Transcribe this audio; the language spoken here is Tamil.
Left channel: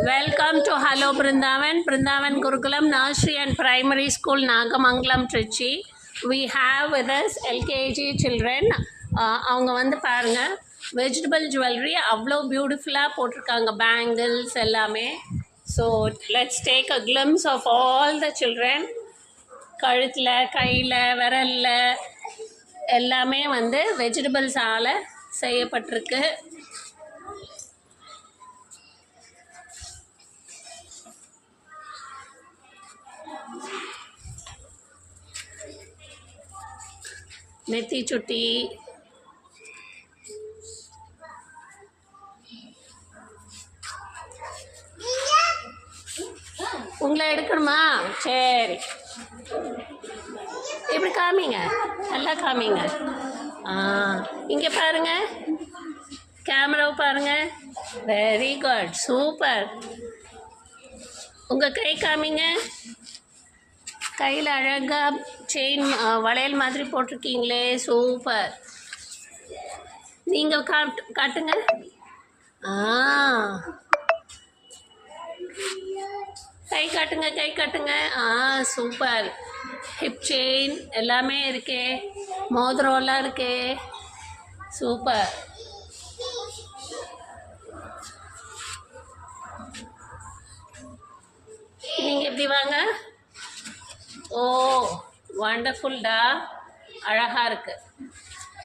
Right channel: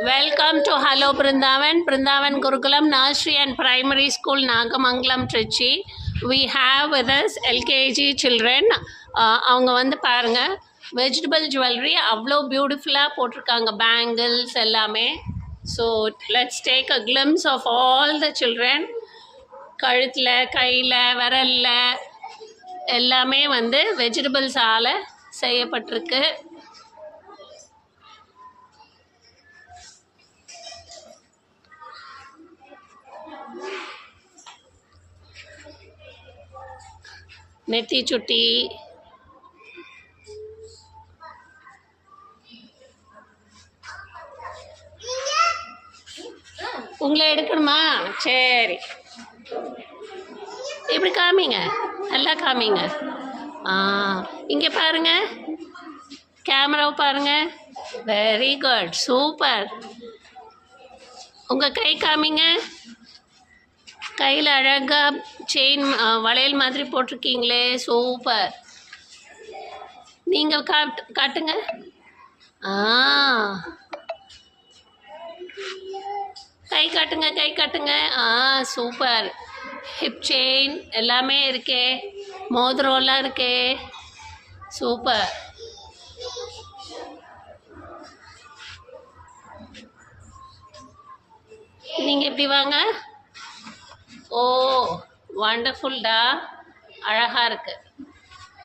Welcome to Hello Brindavan, Brindavan Gurukulam Nursery and Primary School, Nagamangalam, Trichy. We have with us LKG children. அவங்க வந்து பாருங்க வெஜிடபிள் ஜுவல்லரி அவ்வளோ பியூட்டிஃபுல்லாக போட்டிருக்காங்க, பேங்கிள்ஸ் எல்லாமே. So let's take a glimpse of all the children. கழுத்தில், கையில், விரலில் எல்லாமே வந்து வெஜிடபிள்ஸால் செய்யப்பட்டிருக்கு. நெத்தி சுட்டி, உங்களை எடுக்கணுமா? சரி, இப்படி காமிங்க, நல்லா காமிங்க. இங்கே பாருங்க, கேமராவை பாருங்க. Very good, super. உங்கள் கை காமிங்க. கையில் அழகாக செயின் வளையல் மாதிரி போட்டிருக்கீங்களே, சூப்பர். நீங்கள் காட்டுங்க. கை காட்டுங்க, கை காட்டுங்க. சூப்பர். ஹிப் செயின் எல்லாமே இருக்கே, மோதிரம்லாம் இருக்கே, சூப்பர். நீங்கள் எப்படி வாங்க. ஓ, வண்டர்ஃபுல்டா, அழகாக இருக்குது.